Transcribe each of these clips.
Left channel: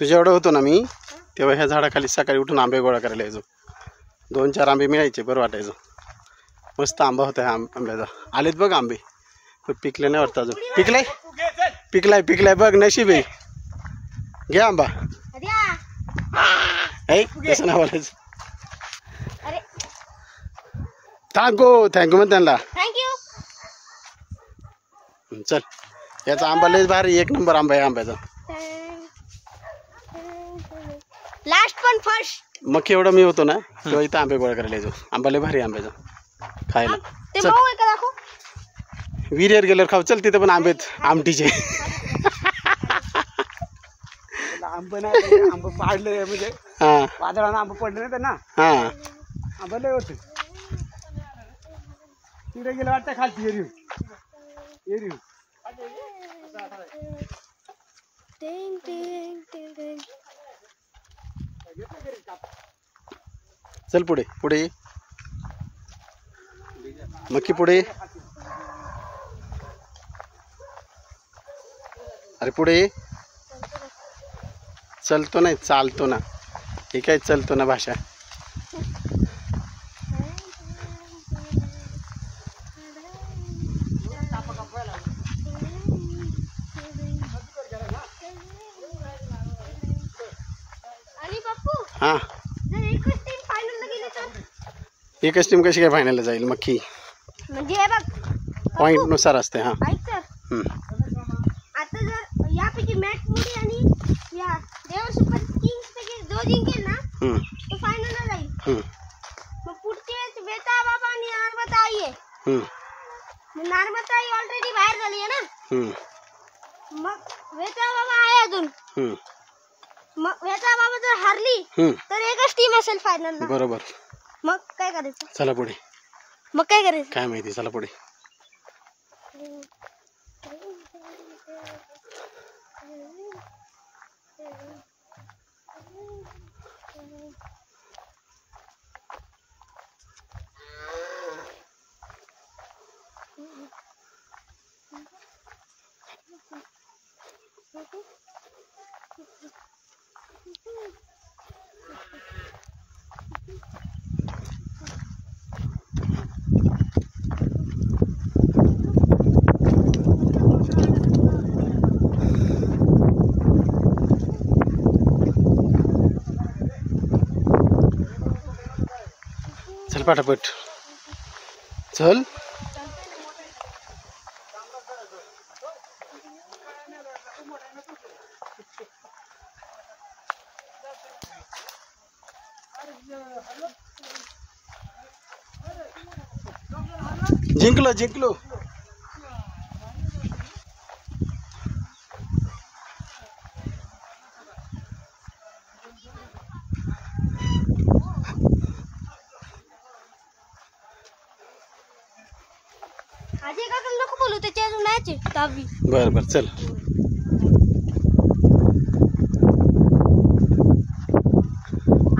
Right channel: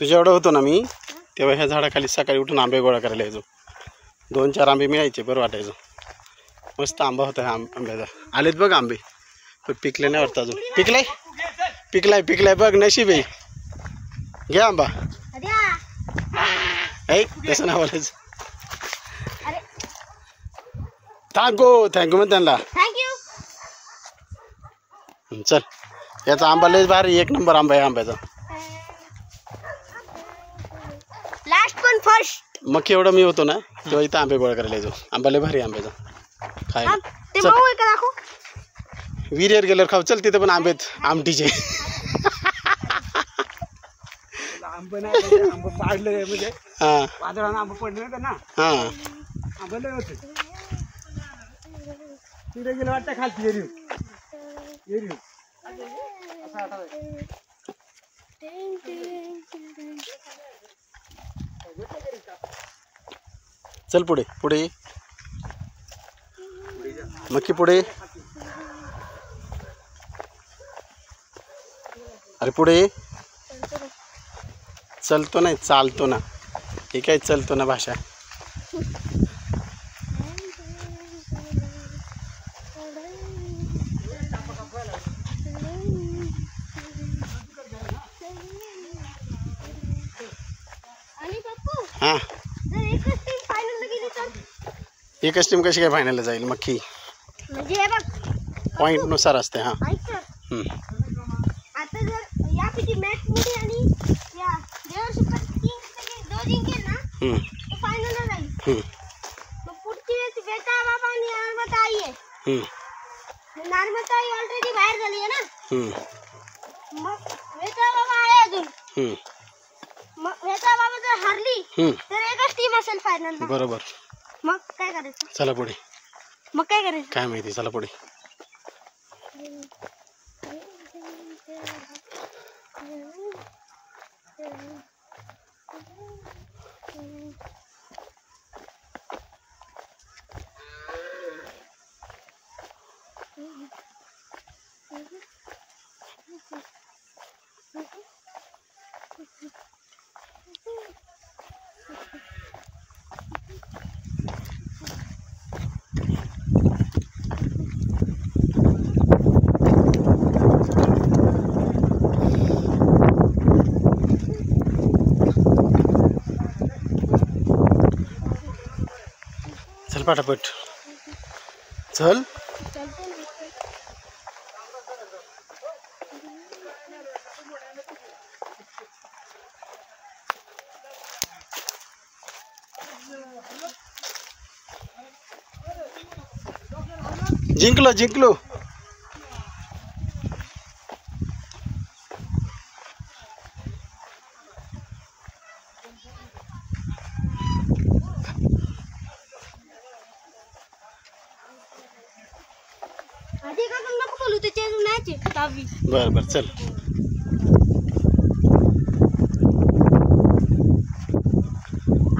तुझ्या एवढं होतो ना मी तेव्हा ह्या झाडाखाली सकाळी उठून आंबे गोळा करायला यायचो. 2-4 आंबे मिळायचे, बरं वाटायचं. मस्त आंबा होता ह्या आंब्याचा. आलेत बघ आंबे, पण पिकले नाही वाटतं अजून. पिकलाय बघ, नशीब आहे. घे आंबा. कसं नाव बोलायचं? थँक्यू मग त्यांना. चल, याचा आंबा लय भारी, 1 नंबर आंबा आहे आंब्याचा. लास्ट पण फर्स्ट. मग एवढं मी होतो ना तेव्हा इथं आंबे गोळा करायला यायचो. आंबा लय भारी आंब्याचा खायला. ते भाऊ आहे का दाखव. विहिरीवर गेल्यावर खाऊ. चल, तिथे पण आंबेत आमटीचे. आंब पाडले म्हणजे हा वादळानं आंब पडले नाही त्यांना. हा आंबा लय होते. तिकडे गेलं वाटतं खालची एरी. चल पुढे पुढे मक्की पुढे. अरे पुढे. चलतो नाही, चालतो ना. हे काय चलतो ना भाषा. हा, एकच टीम कशी काय फायनलला जाईल? मक्की म्हणजे बघ पॉइंट नुसार असते. हा, आता जर यापैकी मॅच मध्ये आणि या देवसुपर किंग्स जो जिंकेल ना तो फायनलला जाईल. मग पुढची वेळेस बेटा बाबा आणि नर्मदा आई आहे. नर्मदा आई ऑलरेडी बाहेर झाली आहे ना. मग बेटा बाबा आहे अजून. मग बेटा बाबा जर हारली तर एकच टीम असेल फायनलला. बरोबर. मग काय करायचं? चला पुढे. मग काय करायचं काय माहिती. चला पुढे. चल पटापट चल. जिंकलो. आधी का नको बोलू, त्याची अजून मॅच आहे 10वी. बर चल.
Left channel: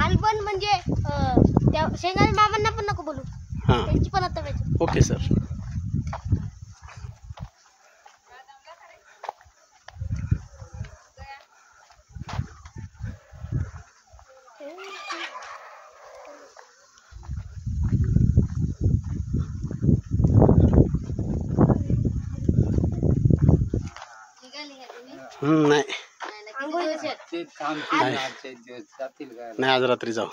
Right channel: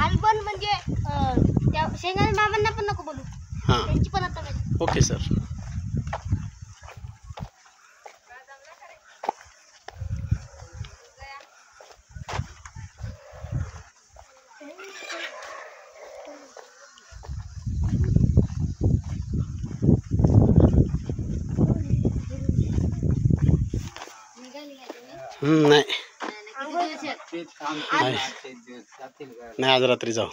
अल्बन म्हणजे त्या शेंगाने मामांना पण नको बोलू. हां, त्यांची पण आता मॅच. Okay sir. नाही आज रात्री जाऊ.